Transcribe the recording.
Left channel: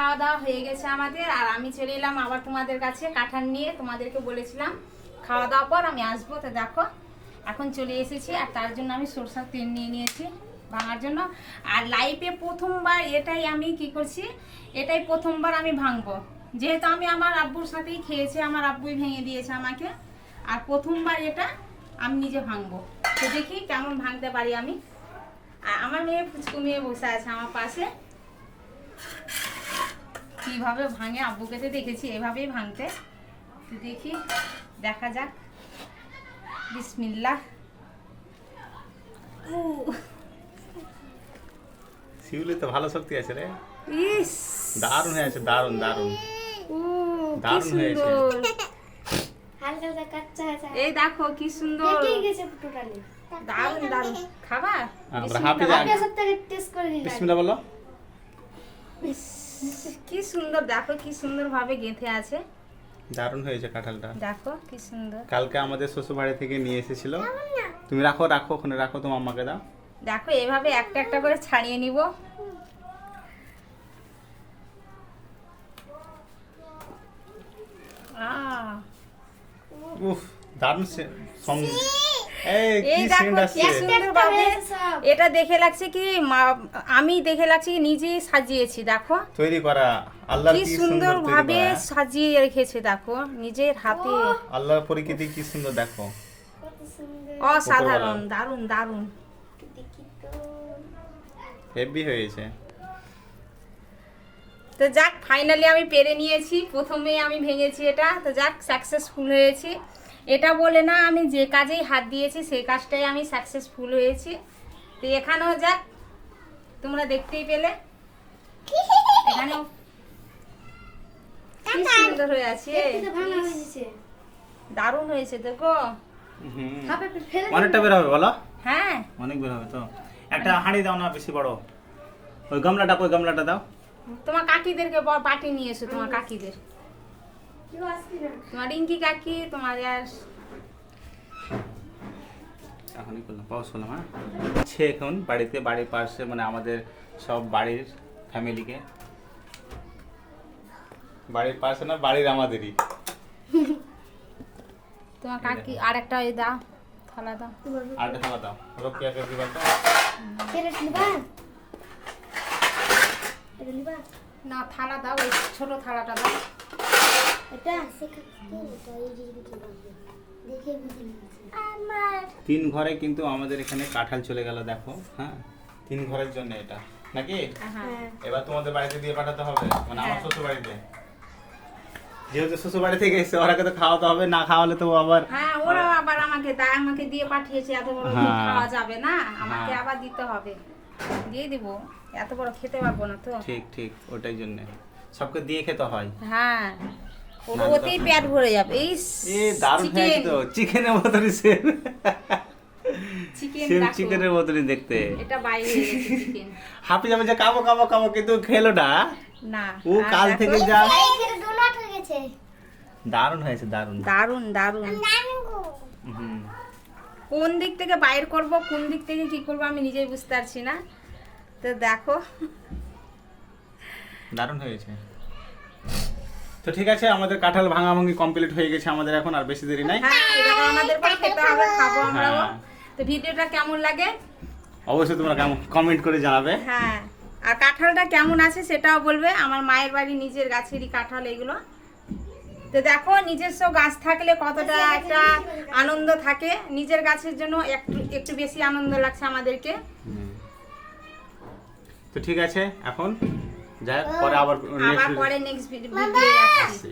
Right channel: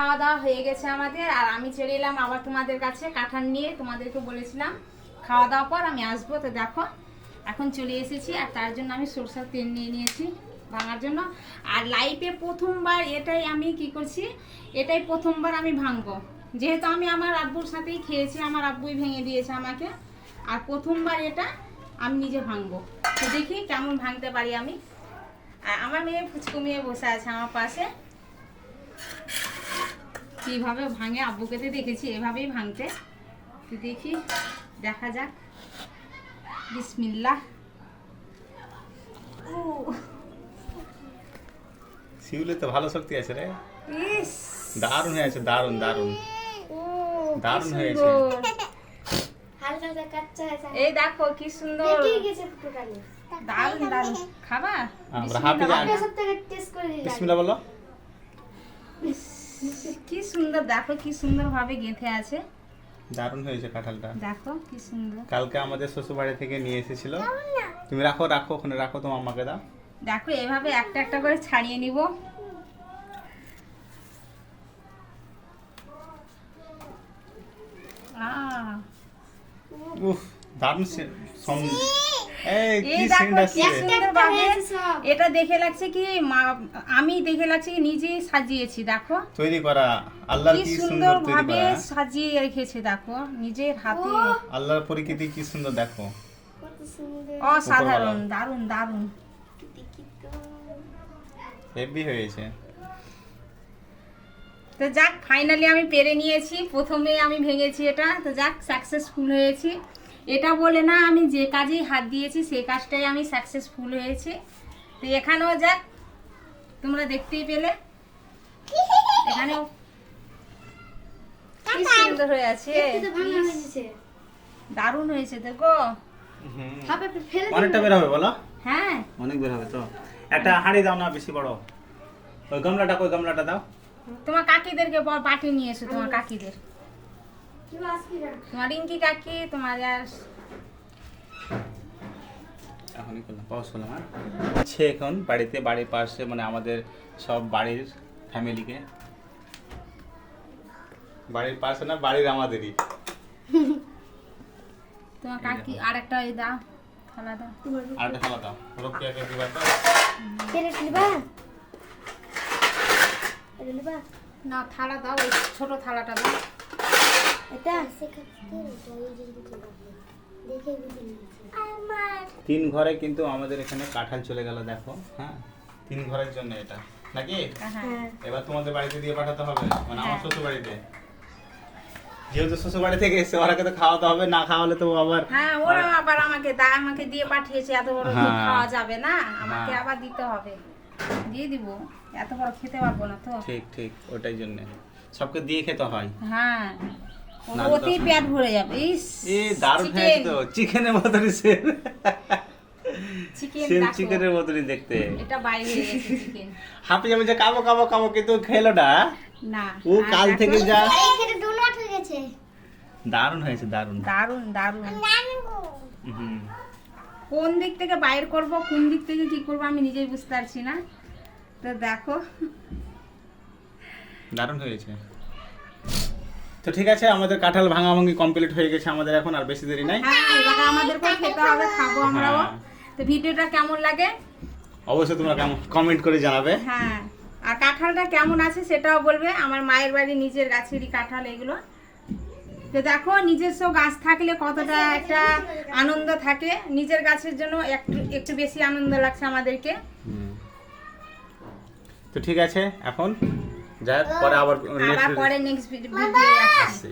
খাওয়া দাওয়া হয়ে গেছে আমাদের, আর আমি চলে এলাম আবার তোমাদের কাছে কাঁঠাল নিয়ে। তোমাদেরকে বলেছিলাম খাওয়া দাওয়ার পর আমি আসবো। তো দেখো এখন চলে এসেছি, আর তার জন্য আমি সরষের তেল নিয়ে নিয়েছি ভাঙার জন্য। আর লাইফে প্রথমবার এটাই আমি কি করছি, এটাই প্রথমবার আমি ভাঙবো, যেহেতু আমি আমার আব্বুর সাথেই খেয়েছি, আমার আব্বুই ভেঙে দিয়েছে আমাকে, আর প্রথমবার এটা আমি নিজে ভাঙবো। তো দেখি কেমন ভাঙতে পারি আমি। আর আমার মেয়ে ফুচকু মেয়ে বসে আছে আমার পাশে, কিভাবে ভাঙে আব্বুকে তো দেখেছি এভাবেই ভাঙতে। তো দেখি, দেখা যাক। বিসমিল্লাহ। শিউলে তো ভালো শক্তি আছে রে। ইস, দারুণ হয়েছে, দারুণ দারুণ দারুণ হয়েছে। হালকা হালকা কাচ্চা আছে। এই দেখো কি সুন্দর, পেকে গেছে পুরোটানি। দারুণ দারুণ। খাবা? আমরা হাফে যাই। আপনার সব থেকে টেস্ট করে দিই। বিসমিল্লাহ বলো। কি সুন্দর, দেখো কি সুন্দর ভাবে গেঁথে আছে। দারুণ হয়েছে কাঁঠালটা। দেখো কি সুন্দর। কালকে আমাদের শ্বশুর বাড়ি থেকে নিয়ে এসেছিল। তুমি রাখো রাখো, ওখানে রাখো, তোমার আম্মাকে দাও। দেখো এভাবে একটা একটা করে ছাড়িয়ে নিব। উফ, দারুণ এই কি এই দেখো সেন্ট কি আসছে। সুন্দর ভাবে। এটা দেখে লাগছে কি আমি দেখে লাগছে কি নিজেই সাজিয়েছি। দেখো তৈরি করা, আল্লাহর কি কি সুন্দর সুন্দর তৈরি ভাবে করা। সাজিয়ে রেখেছে, দেখো নিজের হাতে। আল্লাহর প্রকৃতি কি সুন্দর দেখো। কত সুন্দর। অসাধারণ, দারুণ দারুণ। দেখি তো। হেভি হয়েছে। তো যাক, ফাইনালি আমি পেরে নিয়েছি। প্রথমে আমি ভেঙেছি এটা, তো যাক সাকসেসফুল হয়েছি। এটা বলে না, আমি যে কাজেই হাত দিয়েছি সেই কাজটাই আমি সাকসেসফুল হয়েছি। তো এখানেও যাক, তোমরা দেখতেই পেলে এখানেও কি সুন্দর হয়ে আছে, একটু তো ভাঙা হয়ে গেছে। দারুণ হয়েছে দেখো। হাফে ফেলে দিন। অনেকটা বের হবে বলো। হ্যাঁ, অনেক বের হবে তো। একটা হাঁড়ি দাও না, বেশি বড়। ওই গামলাটা দাও। তোমার কাকিদেরকে পাঠে নিয়ে এসো, তোমার কাকিদের, কি বাসকি না। তোমার রিঙ্কি কাকি, তোমার আর এখনই করলাম, পাউজ করলাম। হ্যাঁ, সে এখন বাড়িতে, বাড়ির পাশে মানে আমাদের সব বাড়ির ফ্যামিলিকে, বাড়ির পাশে না, বাড়ির আমাদেরই। তোমার কাকি আর একটা ওই দাও, থালা দাও। আরেকটা থালা দাও, রোকিয়াকে দিবা তো। কেটে নিবা। এটা নিবা। না, থালা দাও, ওই ছোট থালাটা দাও। এটা শেখা কি তো এই জিনিসটা দেখে বুঝি আমার 3 ঘরে কিন্তু আমাদের এখানে কাঁঠাল চলে গেল দেখো। হ্যাঁ, 3 ঘরের জন্য এটা নাকি। হ্যাঁ, এবার তোমাদের বাড়িতে দিয়ে পাঠাতে হবে, মানে আমার শ্বশুর বাড়িতে। যেহেতু শ্বশুর বাড়ি থেকে এসে ওরাকে তো খাওয়াতে হবে, না খাওয়ালে তো আবার। হ্যাঁ, ওরা আবার আমাকে দিয়ে পাঠিয়েছে, এত বড় হ্যাঁ। খাওয়া যাবে না, আমাকে হ্যাঁ। আবার দিতে হবে। দিয়ে দিব, এত বড় খেতে পারবো না তো। ঠিক ঠিক, ওটাই জন্য সবকে দিয়ে খেতে হয়। হ্যাঁ, না, অতি পেট ভরে যাবে। এই এ দারুণ হয়েছে তো, চিকেনের মতনই সেম। চিকেন, সেম চিকেনের মতনই দেখতে। এটা বাইরে হয়ে গেছে চিকেন। হাঁপি যাবে যে কাবো কাবো কাবো, কিন্তু খেলো না। না, ও কাল থেকে যা। এখানে ডোনাট হয়ে গেছে। দারুণ হয়েছে, দারুণ। দারুণ দারুণ। হুম, কোন দিক থেকে বাইর করব, কোন দিক থেকে কি করব আমি নিজেই বুঝতে পারছি না। তো দেখো, দারুণ হয়েছে। তো ঠিক আছে, আমাদের কাঁঠাল ভাঙাভাঙি কমপ্লিট হয়ে গেছে আমাদের এখন, আর বেশি দেরি নাই। হ্যাঁ, এবার আমাদেরকে খেতে হবে, খাবো আমরাও। হ্যাঁ। তো ভিডিওটা কেমন লাগে অবশ্যই তোমরা কমেন্ট করে জানাবে। হ্যাঁ, আর কাঁঠালটা কেমন আছে সেটাও বলবে। আমার মায়ের বাড়ি নিজের গাছেরই কাঁঠাল এগুলো। তো দেখো, নিজস্ব গাছ থাকলে কতটা একটা আনন্দ থাকে। নিজের গাছের জন্য একটু একটু বেশি আনন্দ লাগছে আমাদেরকে। তো ঠিক আছে, এখন যাই, পরে আবার আবার পরে নেক্সট ভিডিও আসছি। আসছি।